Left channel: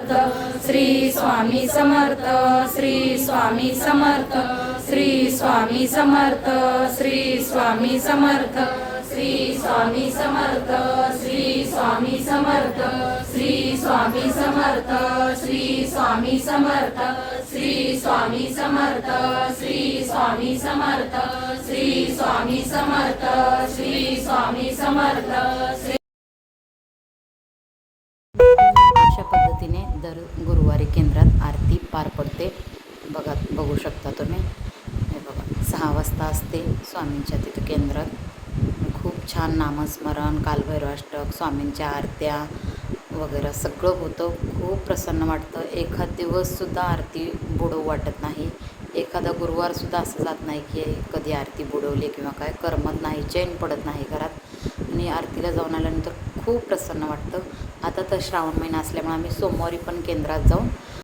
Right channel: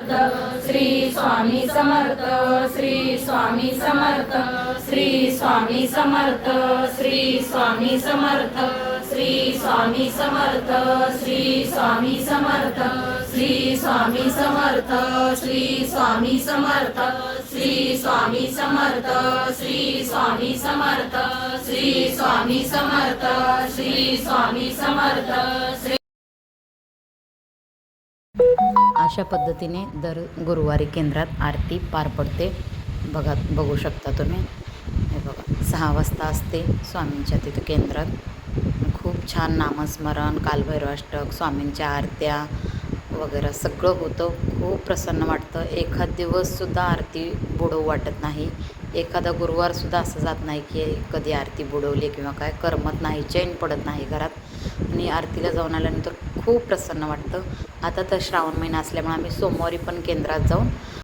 श्री स्वामी समर्थ, श्री स्वामी समर्थ, श्री स्वामी समर्थ, श्री स्वामी समर्थ, श्री स्वामी समर्थ, श्री स्वामी समर्थ, श्री स्वामी समर्थ, श्री स्वामी समर्थ, श्री स्वामी समर्थ, श्री स्वामी समर्थ, श्री स्वामी समर्थ, श्री स्वामी समर्थ, श्री अशा पद्धतीने दर गुरुवारी केंद्रात आरती पार पडते. बघू शकता तुम्ही. हे बघा 6 वाजता असते स्वामींच्या तिथं केंद्रात. खूप छान नामस्मरण, कालभैरवाष्टक, स्वामींच्या आरत्या वगैरे सगळं होतं. खूप प्रसन्न वाटतं. एखाद दिवससुद्धा आरती बुडवू वाटत नाही. एखादा गुरुवारसुद्धा असं जात नाही की कधी आरती बुडवली किंवा काय, करमत नाही, चैन पडत नाही घरात. आणि आरतीला जाऊन आल्यानंतर खूप प्रसन्न वाटतं. आता तर श्रावण महिना असल्यामुळे आम्ही सोमवारी पण केंद्रात जाऊन